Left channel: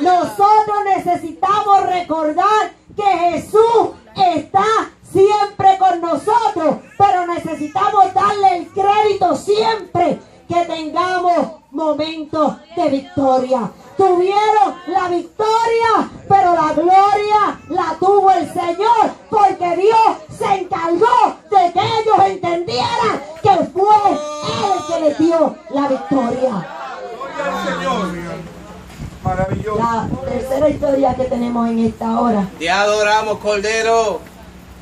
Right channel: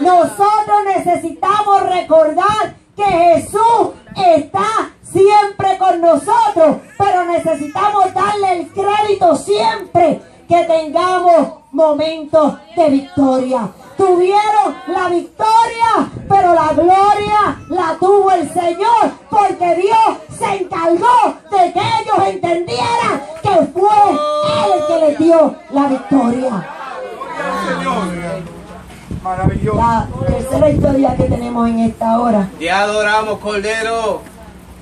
Nosotros necesitamos recordar que Jesús está siempre con nosotros, pero necesitamos darle el crédito siempre que tengamos momentos de victoria. Tuvieron la victoria, pero la gloria la tuvo el Señor, porque Dios se encargó de que ellos entendieran que fue Él el que les dio la victoria. Maravilloso. La tercera historia que tenemos en esta hora Te adoramos, Cordero.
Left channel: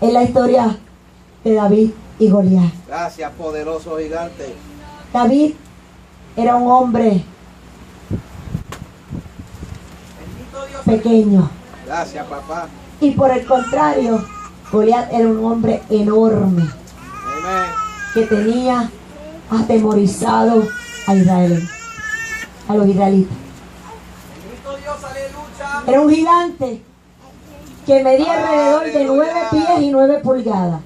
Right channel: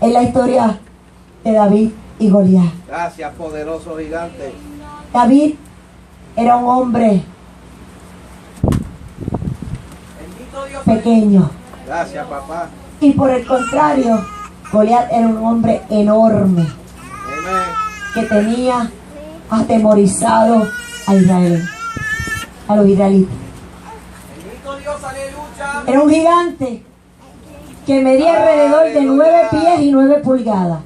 es la historia de David y Goliat. Gracias, poderoso gigante. David era un hombre pequeño, Gracias, papá. y por el contrario, Goliat era un hombre enorme Amén. que tenía atemorizado a Israel, a los israelitas. Bendito Dios, aleluya. Era un gigante que medía alrededor de 9 pies y 9 pulgadas.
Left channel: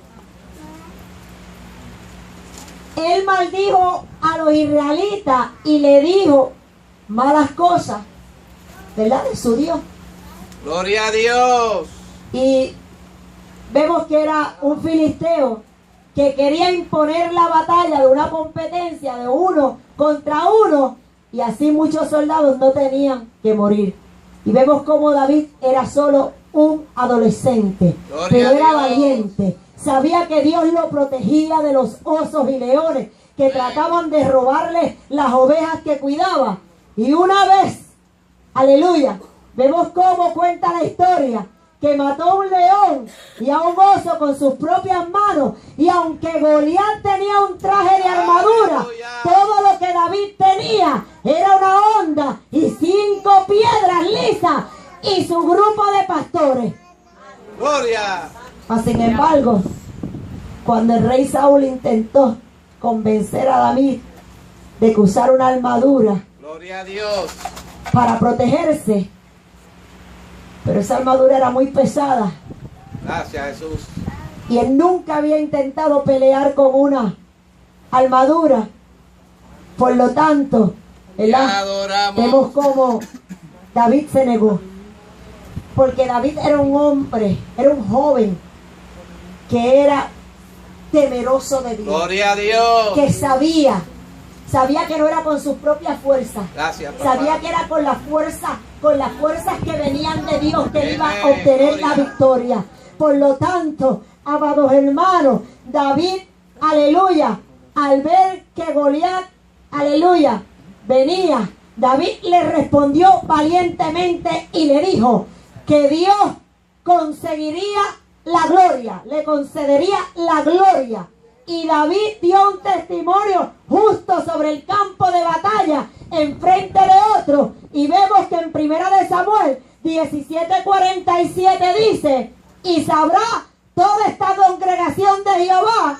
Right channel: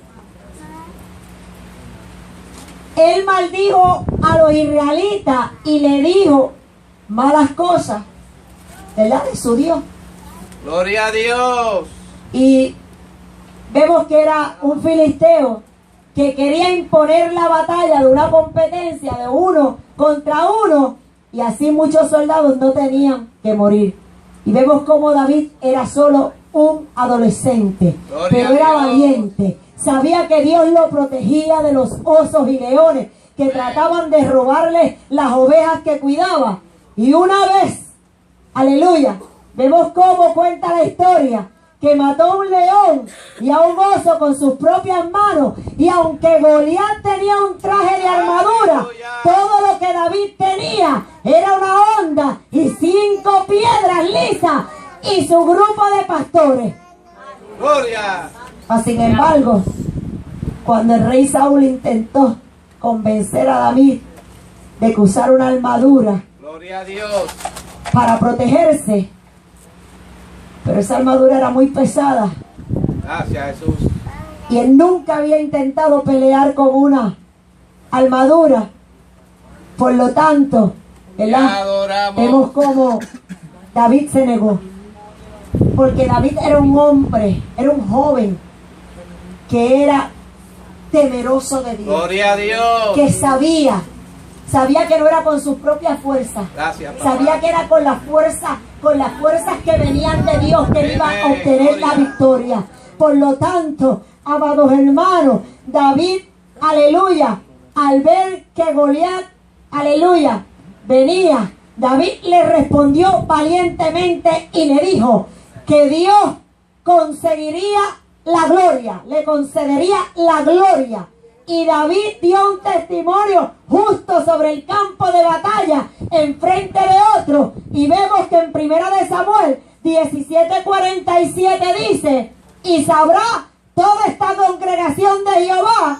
Él maldijo a los israelitas y le dijo malas cosas, ¿verdad? De su Dios. Gloria a Dios. Y vemos que era un filisteo que quería imponer la batalla de una competencia de 1 contra 1, y así muchos soldados no tenían que morir. Y vemos como David era solo un adolescente, Gloria pero a era Dios. valiente. Sabía que Dios lo protegía de los osos y leones que trataban de robarle las ovejas que cuidaba. Y una vez, aleluya, vemos cómo cuenta la historia, que mató a un león y a un oso con sus propias manos. Y aunque Goliat tenía un traje de armadura, todo lo que David tenía era una honda y 5 piedras lisas y su grupo de pastores. Gloria. Mas, sin embargo, cuando el rey Saúl intentó convencer a David de que usara una armadura Gloria a Dios. para protegerse, pero esa armadura era muy pesada Gracias, Jesús. y él nunca había intentado pelear con una armadura. Por lo tanto, Te ¿verdad? adoramos. Vemos cómo David se negó, porque David era un hombre, era un joven que era temeroso de Dios, Gloria a Dios. que sabía que no era con sus propias fuerzas, Gracias, papá. sabía que era con las fuerzas que venían de Dios que iba a obtener la Gloria. victoria. Por lo tanto, amados hermanos, David, aleluya, al ver que Goliat, aleluya, venía, David le respondió valientemente y le dijo que Dios conseguiría la gloria, le concedería la gloria. Y David dio un testimonio justo sobre el campo de batalla en frente de otro. Y vemos que en 1 de Samuel 17:47 dice: y sabrá toda esta congregación de Jehová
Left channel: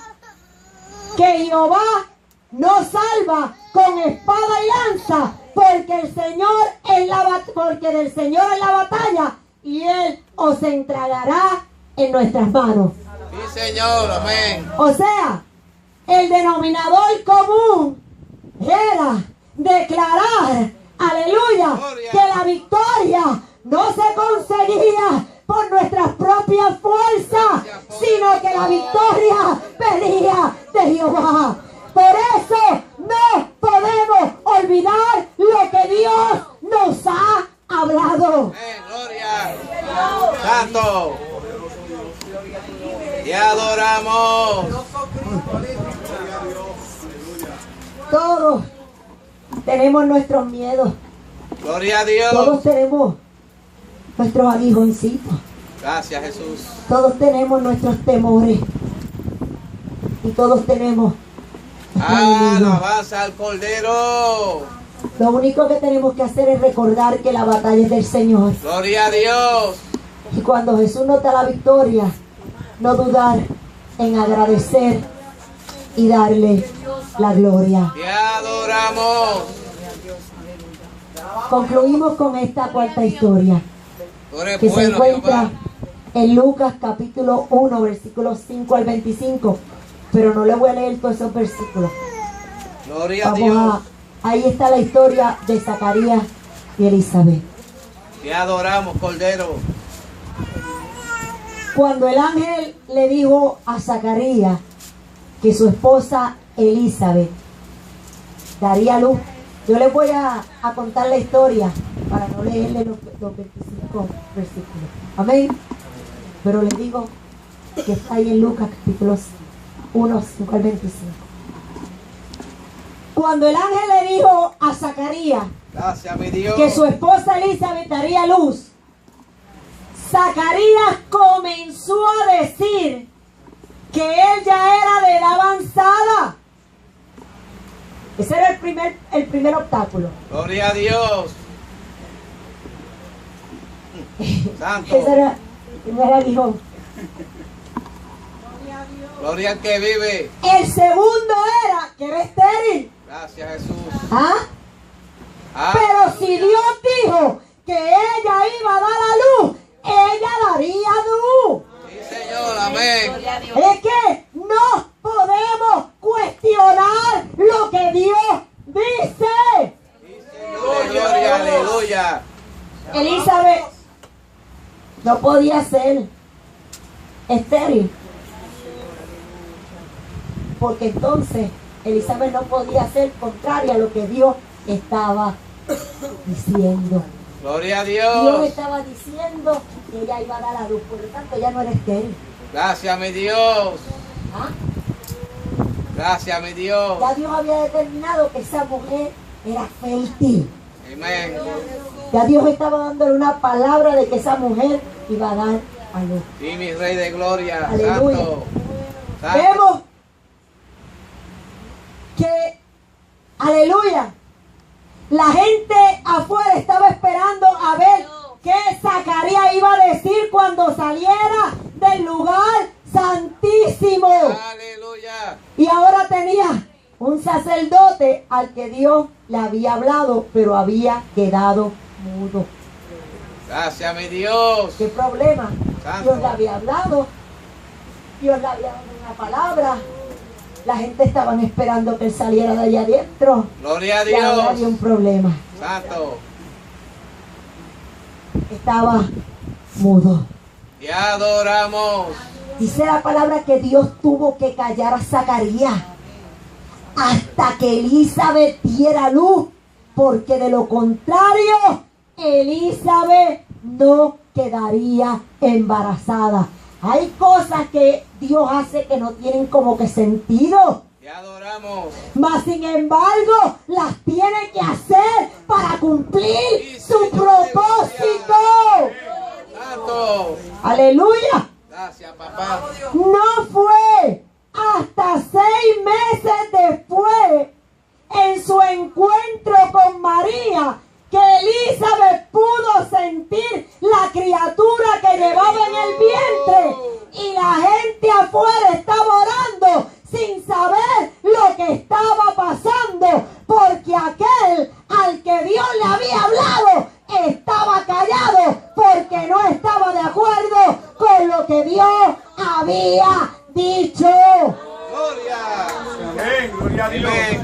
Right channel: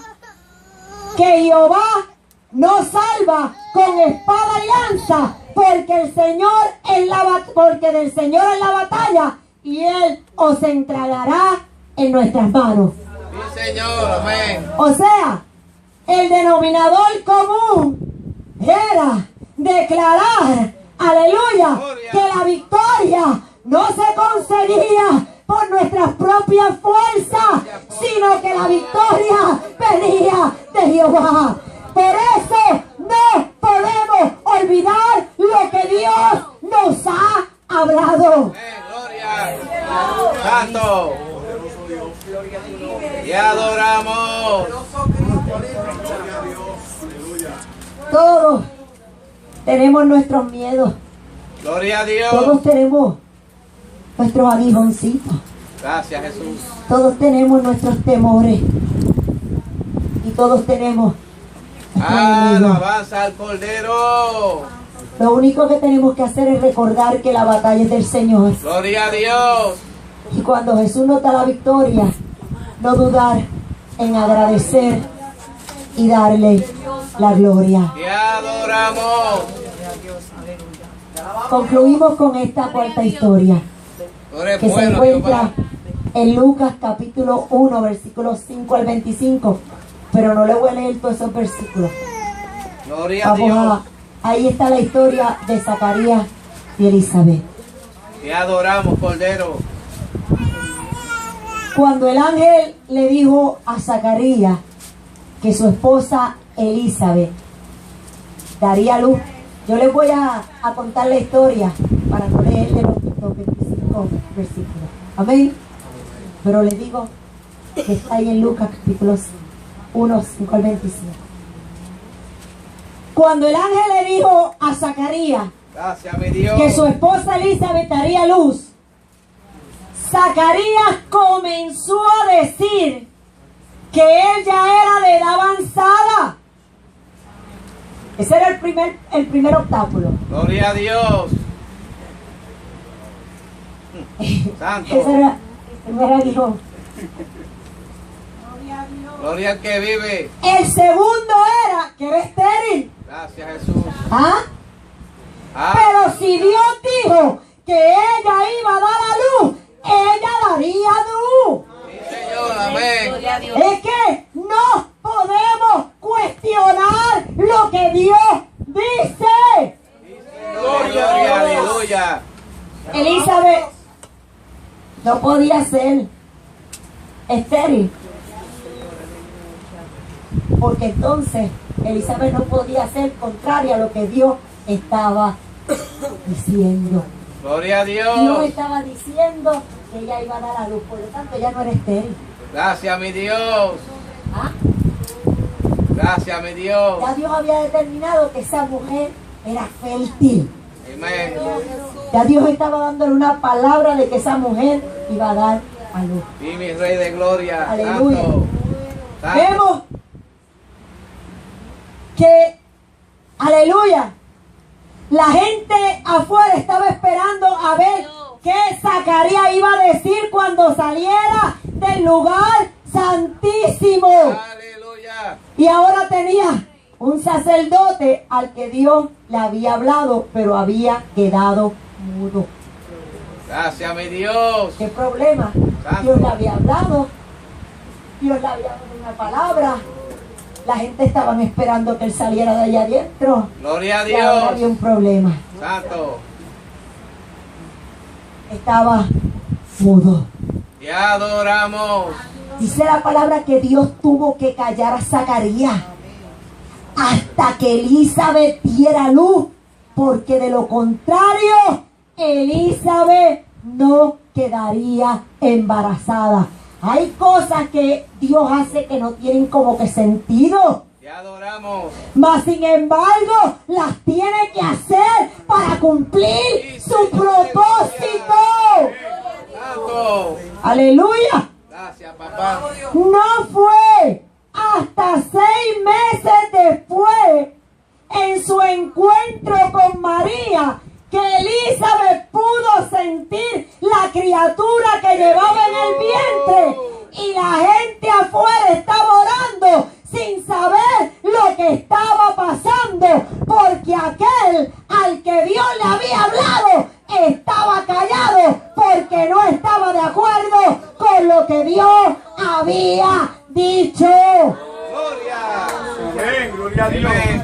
que Jehová no salva con espada y lanza, porque el Señor en porque del Señor es la batalla y Él os entregará en nuestras manos. Sí, Señor. Amén. O sea, el denominador común era declarar, aleluya, Gloria. que la victoria no se conseguía por nuestras propias fuerzas, sino que la victoria venía de Jehová. Por eso no podemos olvidar lo que Dios nos ha hablado. Amén. Gloria. Santo. Te adoramos. Todos tenemos nuestros miedos, Gloria a Dios. todos tenemos nuestros aguijoncitos, Gracias, Jesús. todos tenemos nuestros temores y todos tenemos nuestros enemigos. Alabanza al Cordero. Lo único que tenemos que hacer es recordar que la batalla es del Señor, Gloria a Dios. y cuando Jesús nos da la victoria, no dudar en agradecer y darle la gloria. Te adoramos. Concluimos con esta cuarta historia, Tú eres que se bueno, encuentra Jehová. en Lucas capítulo 1, versículos 5 al 25, pero no le voy a leer todos esos versículos. Gloria a Dios. Ahí está la historia de Zacarías y Elizabeth. Te adoramos, Cordero. Cuando el ángel le dijo a Zacarías que su esposa Elizabeth daría luz, yo les voy a contar la historia para no leerle los 25 versículos. Amén. Pero les digo que está ahí en Lucas capítulo 1, 5 al 25. Cuando el ángel le dijo a Zacarías Gracias, mi Dios. que su esposa Elizabeth daría luz, Zacarías comenzó a decir que él ya era de edad avanzada. Ese era el primer obstáculo. Gloria a Dios. Santo. Ese era el primer aguijón. Gloria al que vive. El segundo era que era estéril. Gracias, Jesús. ¿Ah? Ah, Pero si Dios dijo que ella iba a dar a luz, ella daría luz. sí, Señor. Amén. Es que no podemos cuestionar lo que Dios dice. Gloria, aleluya. Elizabeth no podía ser estéril, porque entonces Elizabeth no podía ser contraria a lo que Dios estaba diciendo. Gloria a Dios Dios. estaba diciendo que ella iba a dar a luz, por lo tanto ella no era estéril. Gracias, mi Dios. ¿Ah? Gracias, mi Dios. Ya Dios había determinado que esa mujer era fértil. Amén. Ya Dios estaba dándole una palabra de que esa mujer iba a dar a luz. Sí, mi Rey de Gloria. Aleluya. Santo. Santo. Vemos que, aleluya, la gente afuera estaba esperando a ver qué Zacarías iba a decir cuando saliera del lugar santísimo. Aleluya. Y ahora tenía un sacerdote al que Dios le había hablado, pero había quedado mudo. Gracias, mi Dios. ¿Qué problema? Santo. Dios le había hablado, Dios le había dado una palabra. La gente estaban esperando que él saliera de allá adentro. Gloria a Y ahora había un Dios. problema. Santo. Estaba mudo. Te adoramos. Dice la palabra que Dios tuvo que callar a Zacarías hasta que Elizabeth diera luz, porque de lo contrario Elizabeth no quedaría embarazada. Hay cosas que Dios hace que no tienen como que sentido, Te adoramos. mas sin embargo las tiene que hacer para cumplir su propósito. Santo. Aleluya. Gracias, papá. No fue hasta 6 meses después, en su encuentro con María, que Elizabeth pudo sentir la criatura que llevaba en el vientre. Y la gente afuera estaba orando sin saber lo que estaba pasando, porque aquel al que Dios le había hablado estaba callado, porque no estaba de acuerdo con lo que Dios había dicho. Gloria. Amén, gloria a Dios. Amén.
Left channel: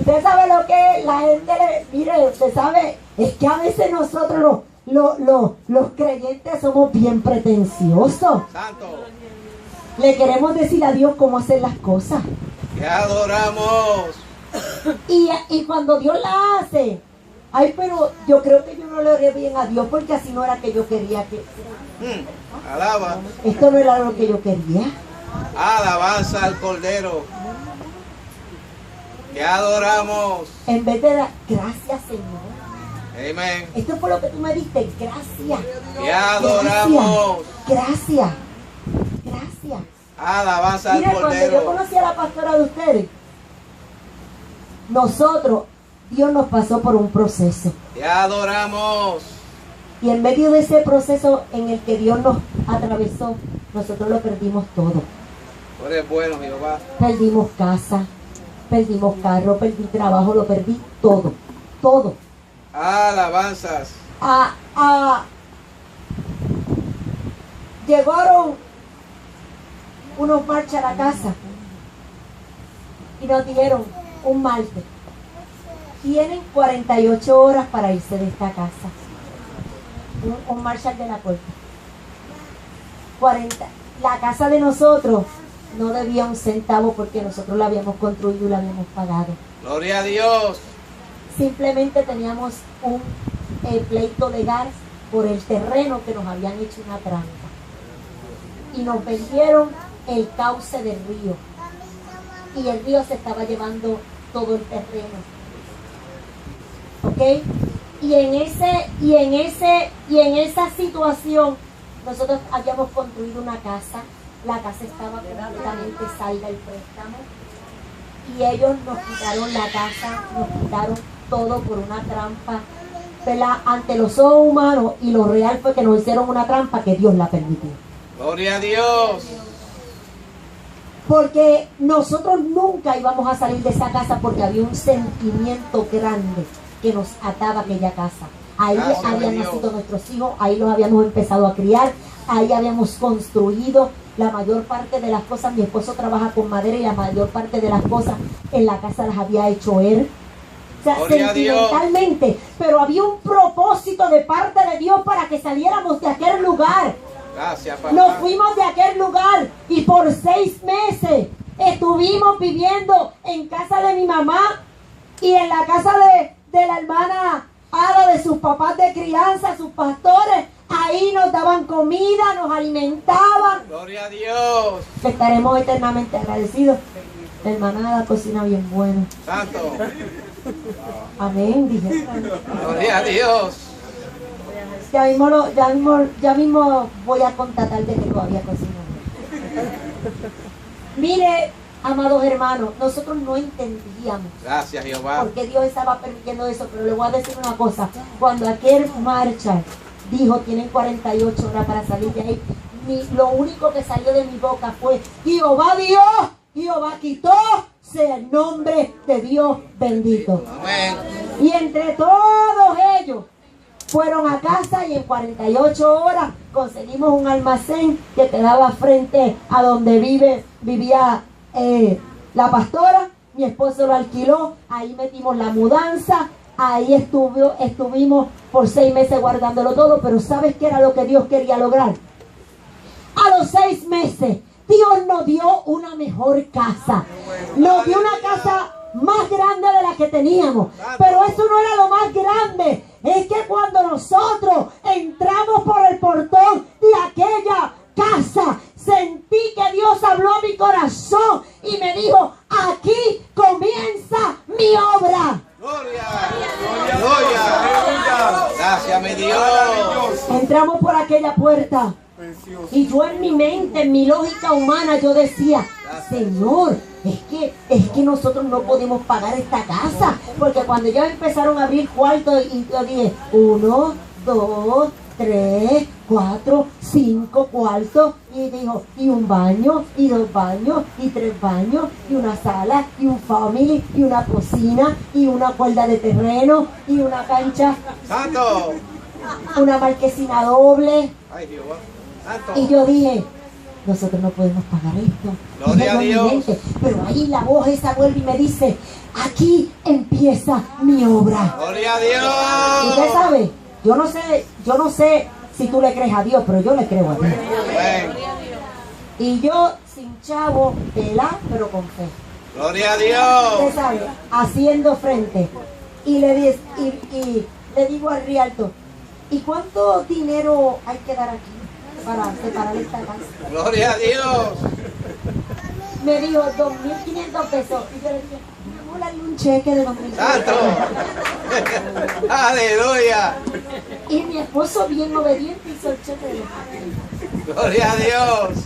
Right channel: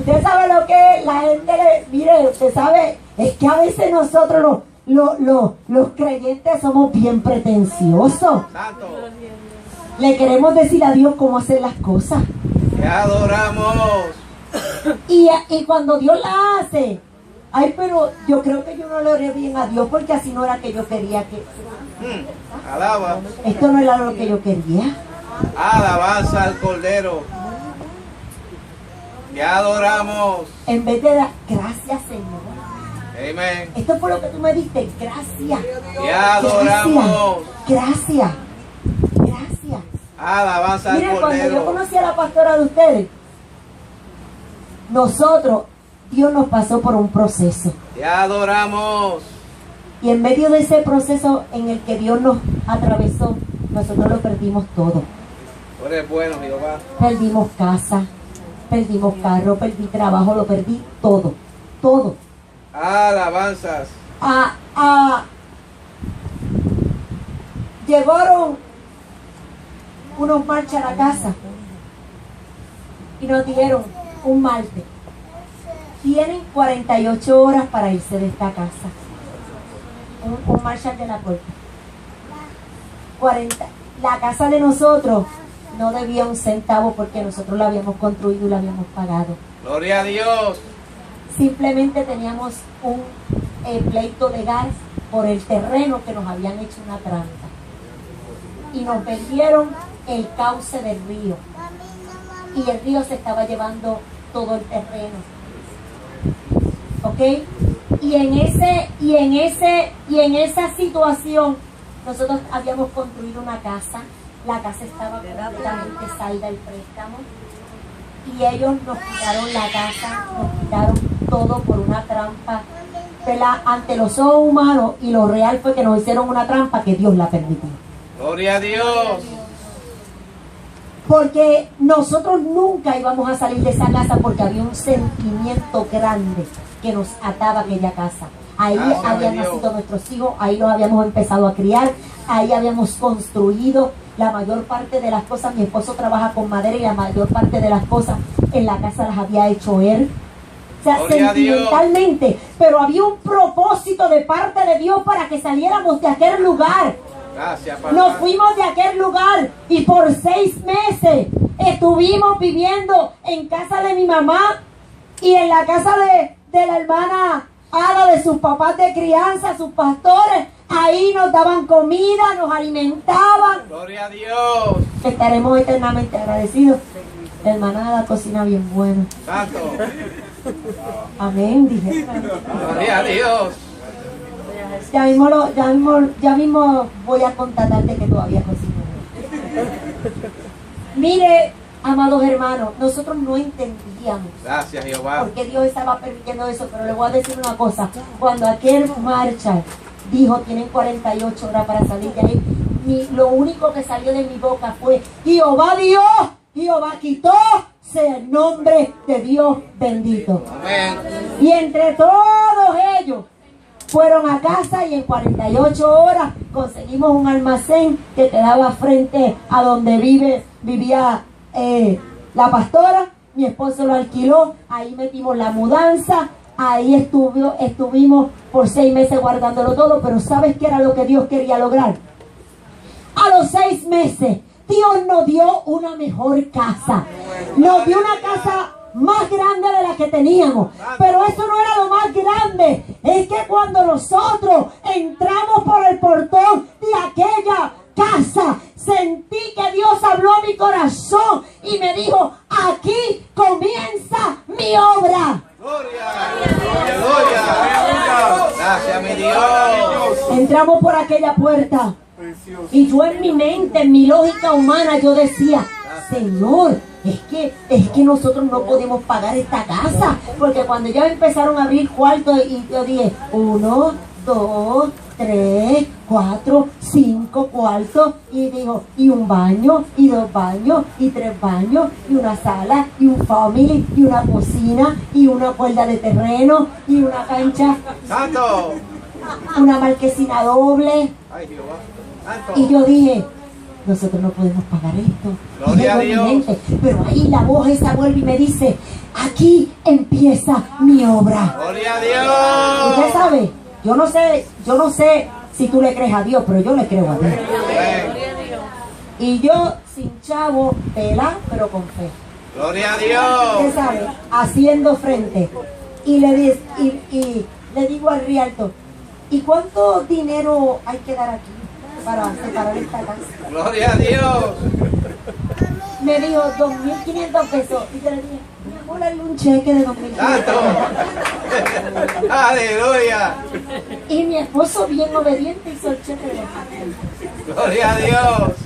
Usted sabe lo que la gente mire, usted sabe, es que a veces nosotros los creyentes somos bien pretenciosos. Santo. Le queremos decir a Dios cómo hacer las cosas. Te adoramos. Y cuando Dios la hace, ay, pero yo creo que yo no le oré bien a Dios, porque así no era que yo quería que... Alaba. Esto no era lo que yo quería. Alabanza al Cordero. Te adoramos. En vez de dar gracias, Señor. Amén. Esto fue lo que tú me diste. Gracias. Te adoramos. Gracias. Gracias. Alabanza al Mire, cuando yo Cordero. conocí a la pastora de ustedes, nosotros, Dios nos pasó por un proceso. Te adoramos. Y en medio de ese proceso en el que Dios nos atravesó, nosotros lo perdimos todo. Tú eres bueno, Jehová. Perdimos casa, perdimos carro, perdí trabajo, lo perdí todo. Todo. Alabanzas. Llegaron unos marchas a la casa y nos dieron un martes. Tienen 48 horas para irse de esta casa. un Marshall de la corte. 40. La casa de nosotros no debía un centavo porque nosotros la habíamos construido y la habíamos pagado. Gloria a Dios. Simplemente teníamos un pleito legal por el terreno que nos habían hecho una trampa. Y nos vendieron el cauce del río. Y el río se estaba llevando todo el terreno. ¿Ok? Y en esa situación nosotros habíamos construido una casa. La casa estaba completamente salda el préstamo. Y ellos nos quitaron la casa, nos quitaron todo por una trampa, ¿verdad? Ante los ojos humanos, y lo real fue que nos hicieron una trampa que Dios la permitió. Gloria a Dios. Porque nosotros nunca íbamos a salir de esa casa porque había un sentimiento grande que nos ataba a aquella casa. Ahí Gracias, habían Dios. nacido nuestros hijos, ahí los habíamos empezado a criar, ahí habíamos construido la mayor parte de las cosas. Mi esposo trabaja con madera y la mayor parte de las cosas en la casa las había hecho él. O sea, Gloria a Dios. sentimentalmente, pero había un propósito de parte de Dios para que saliéramos de aquel lugar. Gracias, papá. Nos fuimos de aquel lugar y por 6 meses estuvimos viviendo en casa de mi mamá y en la casa de la hermana Ada, de sus papás de crianza, sus pastores. Ahí nos daban comida, nos alimentaban. Gloria a Dios. Que estaremos eternamente agradecidos. La hermana Ada cocina bien bueno. Santo. Amén, dije. Gloria a Dios. Ya mismo voy a constatarte que todavía cocino. Mire, amados hermanos, nosotros no entendíamos Gracias, Jehová. por qué Dios estaba permitiendo eso, pero le voy a decir una cosa. Cuando aquel Marshall dijo, tienen 48 horas para salir de ahí, lo único que salió de mi boca fue, Jehová dio, Jehová quitó, sea el nombre de Dios bendito. Amén. Y entre todos ellos fueron a casa y en 48 horas conseguimos un almacén que quedaba frente a donde vivía la pastora. Mi esposo lo alquiló, ahí metimos la mudanza, ahí estuvimos por 6 meses guardándolo todo. Pero ¿sabes qué era lo que Dios quería lograr? A los 6 meses Dios nos dio una mejor casa, nos dio una casa más grande de la que teníamos. Pero eso no era lo más grande. Es que cuando nosotros entramos por el portón de aquella casa, sentí que Dios habló a mi corazón y me dijo, aquí comienza mi obra. Gloria. Gloria. Gracias, mi Dios. Entramos por aquella puerta y yo en mi mente, en mi lógica humana, yo decía, Señor, es que nosotros no podemos pagar esta casa. Porque cuando ya empezaron a abrir cuartos y yo dije, 1, 2, 3, 4, 5 cuartos, y dijo, y un baño, y 2 baños, y 3 baños, y una sala, y un family, y una cocina, y una cuerda de terreno, y una cancha, Santo. una marquesina doble. Ay, Jehová. Santo. Y yo dije, nosotros no podemos pagar esto. Gloria a Dije en mi Dios. mente, pero ahí la voz esa vuelve y me dice, aquí empieza mi obra. Gloria a Usted Dios. sabe, yo no sé si tú le crees a Dios, pero yo le creo a Dios. Amén. Y yo sin chavo, tela, pero con fe. Gloria a Usted Dios. sabe, haciendo frente. Y le digo al rialto, ¿y cuánto dinero hay que dar aquí para separar esta casa? Gloria a Dios. Me dijo 2.500 pesos. Y yo le dije, vamos a darle un cheque de 2.500 Santo. pesos. Aleluya. Y mi esposo, bien obediente, hizo el cheque de 2.500. Gloria a Dios.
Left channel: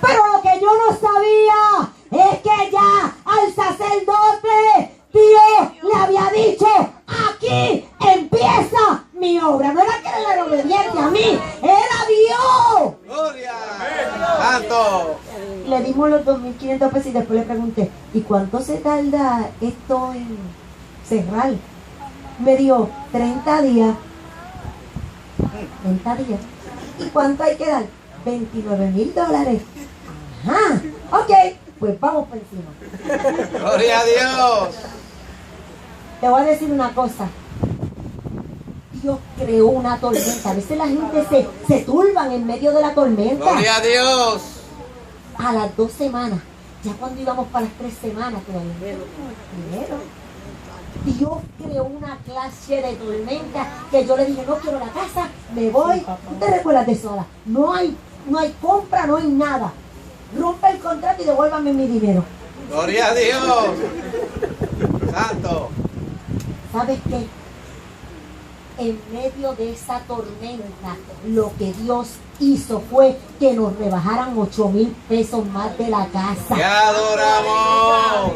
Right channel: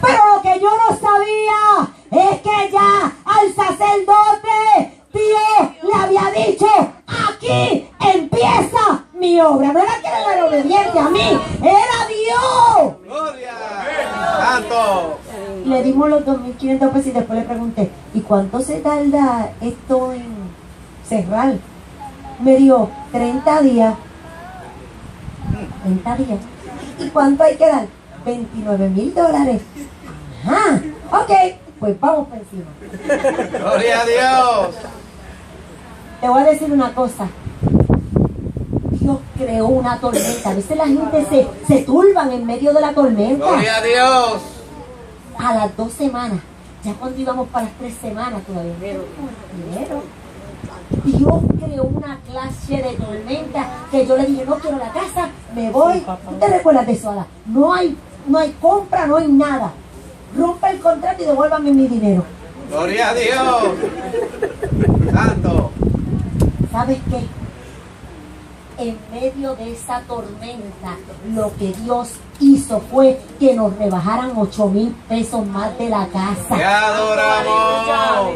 Pero lo que yo no sabía es que ya al sacerdote Dios le había dicho, aquí empieza mi obra. No era que él era obediente a mí, era Dios. Gloria. Santo. Y le dimos los 2.500 pesos y después le pregunté, ¿y cuánto se tarda esto en cerrar? Me dijo, 30 días. 30 días. ¿Y cuánto hay que dar? $29,000. Ajá, ok, pues vamos por encima. Gloria a Dios. Te voy a decir una cosa. Dios creó una tormenta. A veces la gente se turban en medio de la tormenta. Gloria a Dios. A las 2 semanas, ya cuando íbamos para las 3 semanas, todavía no teníamos dinero. Dios creó una clase de tormenta que yo le dije, no quiero la casa, me voy. ¿Tú te recuerdas de eso, Ada? No hay compra, no hay nada. Rompe el contrato y devuélvame mi dinero. Gloria a Dios. Santo. ¿Sabes qué? En medio de esa tormenta, lo que Dios hizo fue que nos rebajaran 8,000 pesos más de la Te casa. adoramos.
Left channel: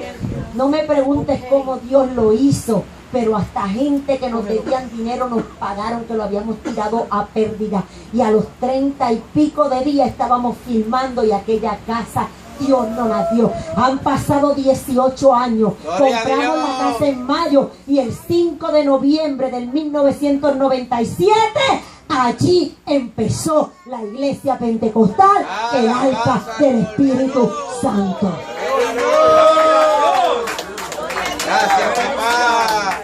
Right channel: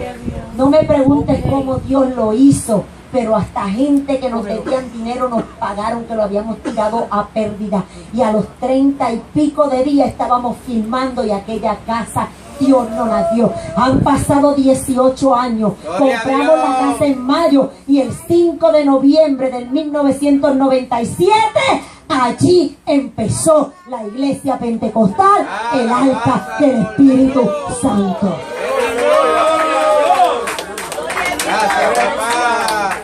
No me preguntes cómo Dios lo hizo, pero hasta gente que nos debían dinero nos pagaron, que lo habíamos tirado a pérdida. Y a los 30 y pico de días estábamos filmando y aquella casa Dios no la dio. Han pasado 18 años. Gloria a Compramos la Dios. casa en mayo y el 5 de noviembre del 1997 allí empezó la iglesia pentecostal, el arca del Espíritu Santo. Gracias, papá.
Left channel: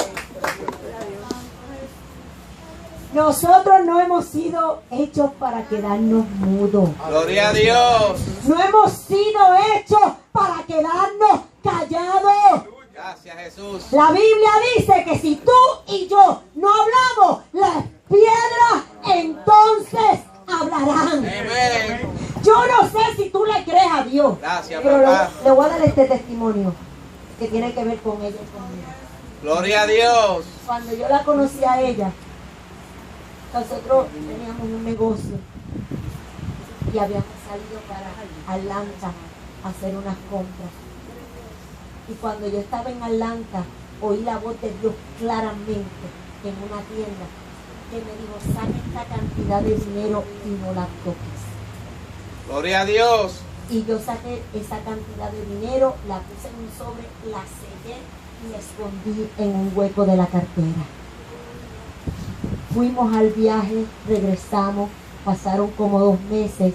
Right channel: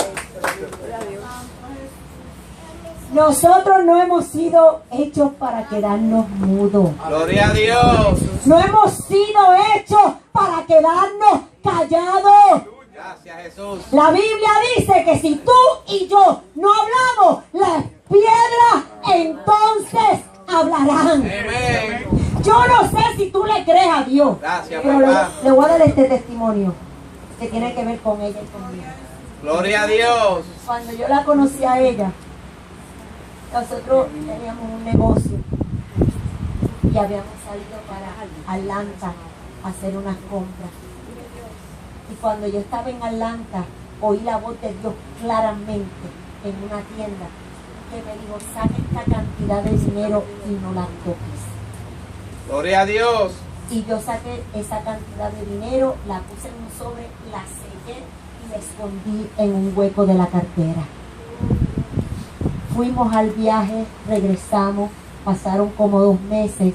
Nosotros no hemos sido hechos para quedarnos mudos. Gloria a Dios. No hemos sido hechos para quedarnos callados. Gracias, Jesús. La Biblia dice que si tú y yo no hablamos, las piedras entonces hablarán. Amén. Yo no sé si tú le crees a Dios, Gracias, pero papá. le voy a dar este testimonio que tiene que ver con ella y conmigo. Gloria a Dios. Cuando yo la conocí a ella, nosotros teníamos un negocio y habíamos salido para Atlanta a hacer unas compras. Y cuando yo estaba en Atlanta, oí la voz de Dios claramente en una tienda que me dijo, saca esta cantidad de dinero y no la toques. Gloria a Dios. Y yo saqué esa cantidad de dinero, la puse en un sobre, la sellé y la escondí en un hueco de la cartera. Fuimos al viaje, regresamos, pasaron como 2 meses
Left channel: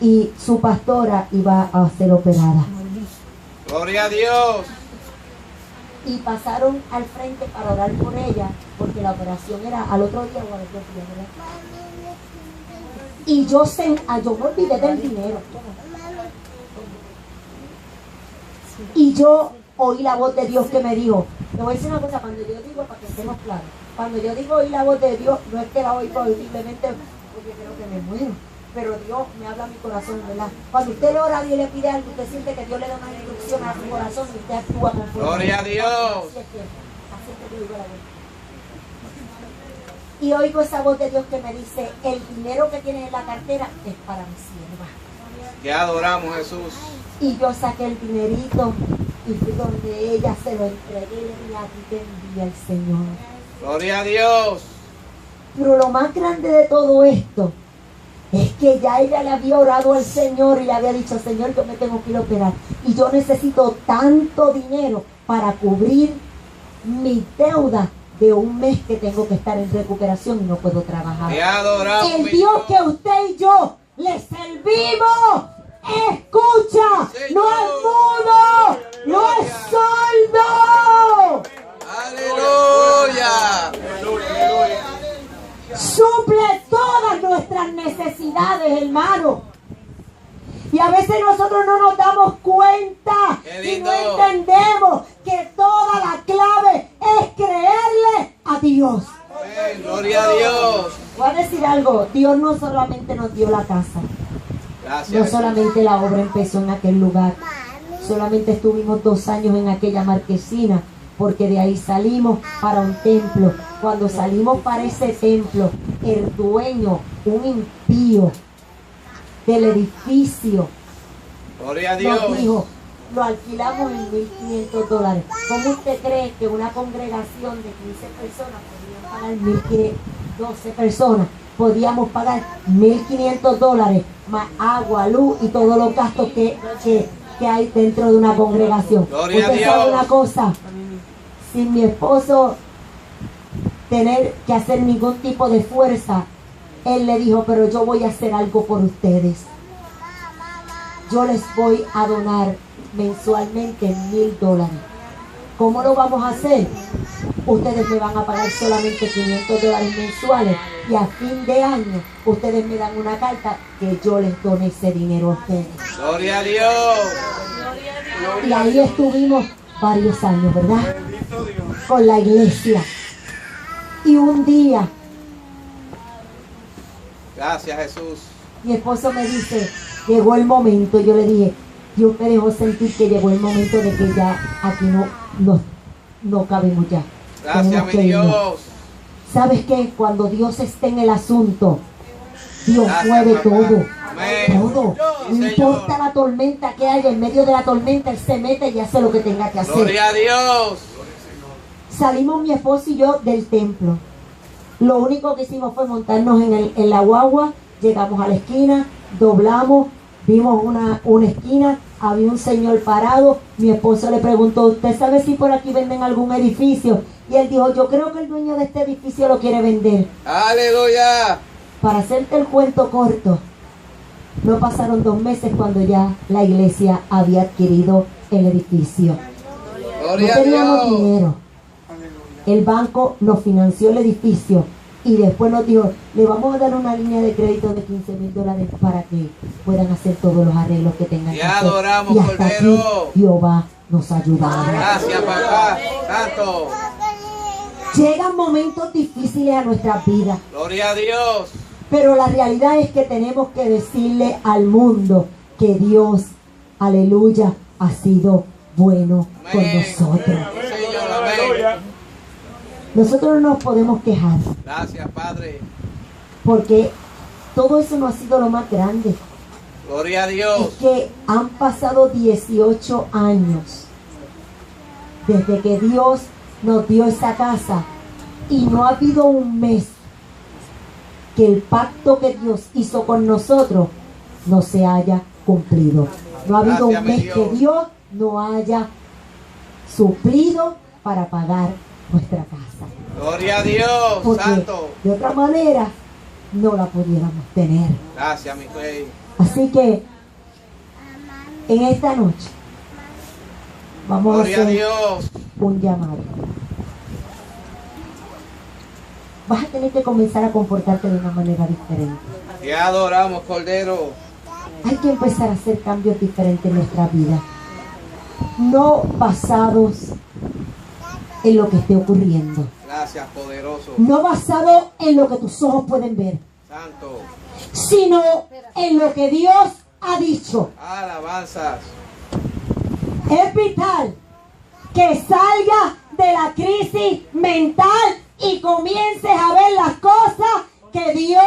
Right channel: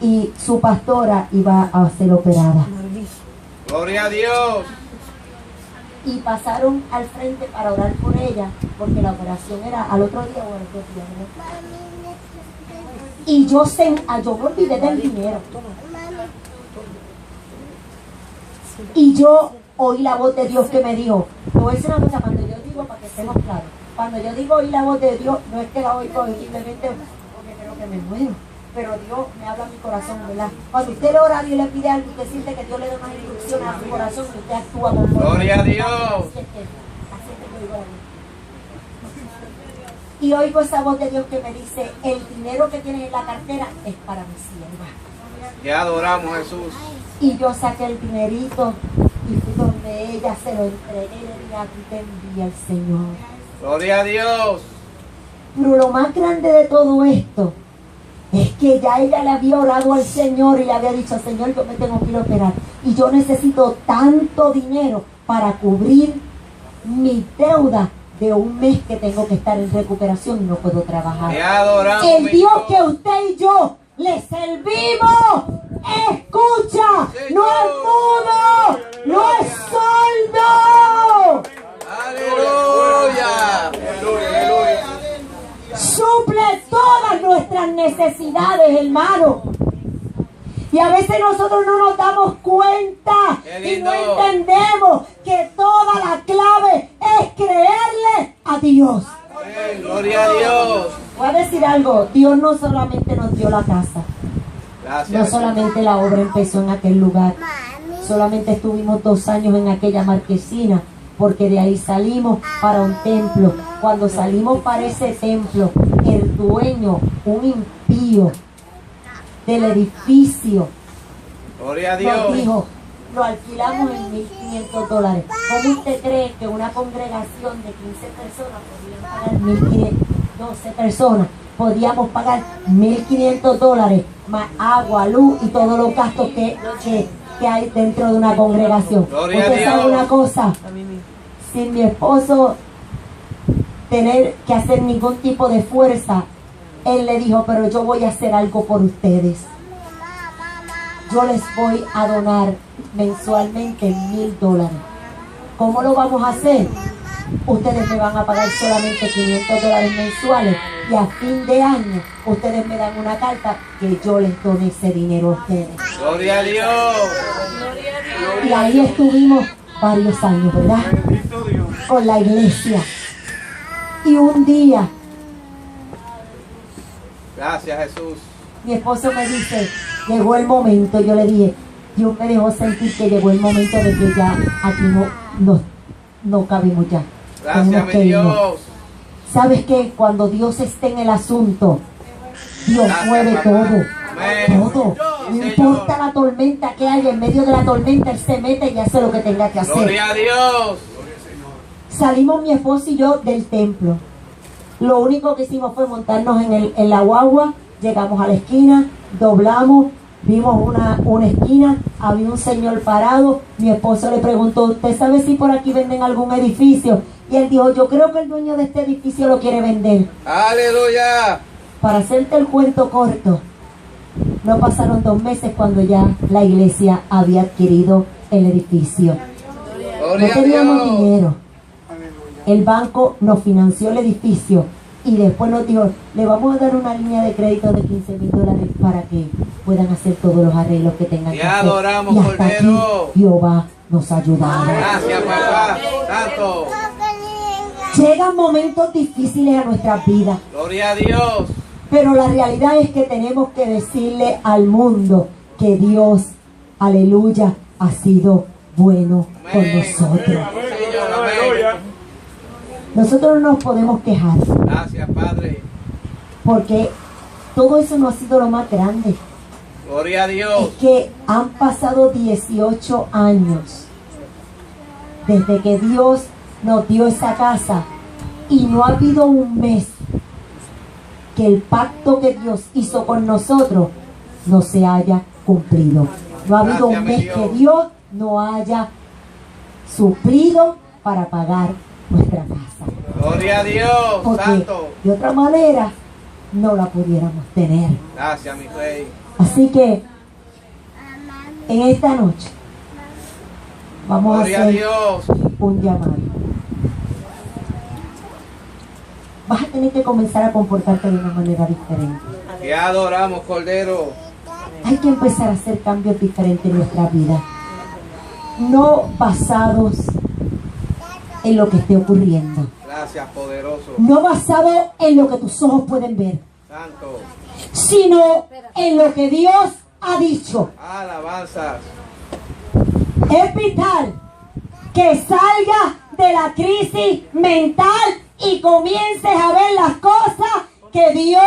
y su pastora iba a ser operada. Gloria a Dios. Y pasaron al frente para orar por ella, porque la operación era al otro día o a los 2 días. ¿No? Y yo me olvidé del dinero. Y yo oí la voz de Dios que me dijo, te voy a decir una cosa, cuando yo digo, para que estemos claros, cuando yo digo oí la voz de Dios, no es que la oí posiblemente porque creo que me muero, pero Dios me habla a mi corazón, ¿verdad? Cuando usted le ora a Dios y le pide algo, usted siente que Dios le da unas instrucciones a su corazón y usted actúa conforme. Gloria a Dios. Así es que yo digo la vida. Y oigo esa voz de Dios que me dice, el dinero que tienes en la cartera es para mi sierva. Te adoramos, Jesús. Y yo saqué el dinerito y fui donde ella, se lo entregué y le dije, aquí te envía el Señor. Gloria a Dios. Pero lo más grande de todo esto es que ya ella le había orado al Señor y le había dicho, Señor, yo me tengo que ir a operar y yo necesito tanto dinero para cubrir mi deuda de un mes que tengo que estar en recuperación y no puedo trabajar. Te adoramos. El mi Dios que usted y yo le servimos, escucha, no es mudo, no es sordo. Aleluya. Suple todas nuestras necesidades, hermano. Y a veces nosotros no nos damos cuenta Qué y no lindo. entendemos que toda la clave es creerle a Dios. Amén. Gloria a Dios. Voy a decir algo, Dios no solamente nos dio la casa, Gracias. no Jesús. solamente la obra empezó en aquel lugar, solamente estuvimos 2 años en aquella marquesina, porque de ahí salimos para un templo. Cuando salimos para ese templo, el dueño, un impío del edificio, Gloria a nos Dios. dijo, lo alquilamos en $1,500. ¿Cómo usted cree que una congregación de 15 personas podían pagar 1,500, 12 personas? Podíamos pagar $1,500 más agua, luz y todos los gastos que hay dentro de una congregación. Gloria a Usted sabe Dios. una cosa, sin mi esposo tener que hacer ningún tipo de fuerza, él le dijo, pero yo voy a hacer algo por ustedes. Yo les voy a donar mensualmente $1,000. ¿Cómo lo vamos a hacer? ustedes me van a pagar solamente $500 mensuales y a fin de año ustedes me dan una carta que yo les doné ese dinero a ustedes. Gloria a Dios. Y ahí estuvimos varios años, ¿verdad? Bendito Dios. Con la iglesia. Y un día Gracias, Jesús. mi esposo me dice, llegó el momento. Yo le dije, Dios me dejó sentir que llegó el momento de que ya aquí no cabemos ya. Gracias, Tenemos mi que irnos. Dios. ¿Sabes qué? Cuando Dios esté en el asunto, Dios Gracias, mueve papá. todo. Amén. Todo. No Sí, importa Señor. la tormenta que haya, en medio de la tormenta Él se mete y hace lo que tenga que hacer. Gloria a Dios. Salimos mi esposo y yo del templo. Lo único que hicimos fue montarnos en la guagua. Llegamos a la esquina, doblamos, vimos una esquina, había un señor parado. Mi esposo le preguntó, ¿usted sabe si por aquí venden algún edificio? Y él dijo, yo creo que el dueño de este edificio lo quiere vender. Aleluya. Para hacerte el cuento corto, no pasaron 2 meses cuando ya la iglesia había adquirido el edificio. No Gloria a teníamos Dios. dinero. El banco nos financió el edificio y después nos dijo, le vamos a dar una línea de crédito de $15,000 para que puedan hacer todos los arreglos que tengan Te que hacer. adoramos, Y hasta aquí Cordero. Jehová nos ayudará. Gracias, papá. Santo. Llegan momentos difíciles a nuestras vidas, Gloria a Dios. pero la realidad es que tenemos que decirle al mundo que Dios, aleluya, ha sido bueno con Amén. nosotros. Señor, amén. Nosotros no nos podemos quejar Gracias, Padre. porque todo eso no ha sido lo más grande. Gloria a Es Dios. que han pasado 18 años desde que Dios nos dio esa casa y no ha habido un mes que el pacto que Dios hizo con nosotros no se haya cumplido. No ha habido Gracias, un mi mes Dios. que Dios no haya suplido para pagar nuestra casa. Gloria a Dios. Porque Santo. de otra manera no la pudiéramos tener. Gracias, mi Rey. Así que en esta noche vamos a Gloria a hacer Dios. un llamado. Vas a tener que comenzar a comportarte de una manera diferente. Te adoramos, Cordero. Hay que empezar a hacer cambios diferentes en nuestra vida. No basados en lo que esté ocurriendo. Gracias, poderoso. No basado en lo que tus ojos pueden ver. Santo. Sino en lo que Dios ha dicho. Alabanzas. Es vital que salgas de la crisis mental y comiences a ver las cosas que Dios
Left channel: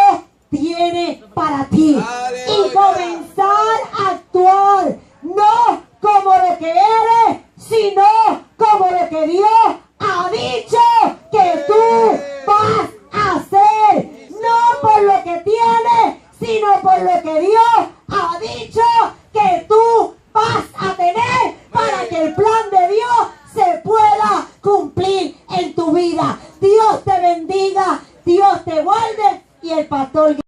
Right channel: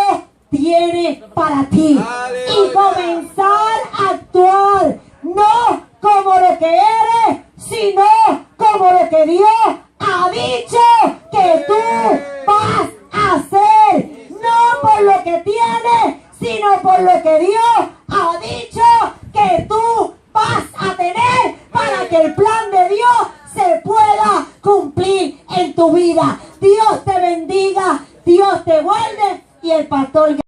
tiene para ti. Aleluya. Y comenzar a actuar no como lo que eres, sino como lo que Dios ha dicho que tú vas a hacer. No por lo que tienes, sino por lo que Dios ha dicho que tú vas a tener para que el plan de Dios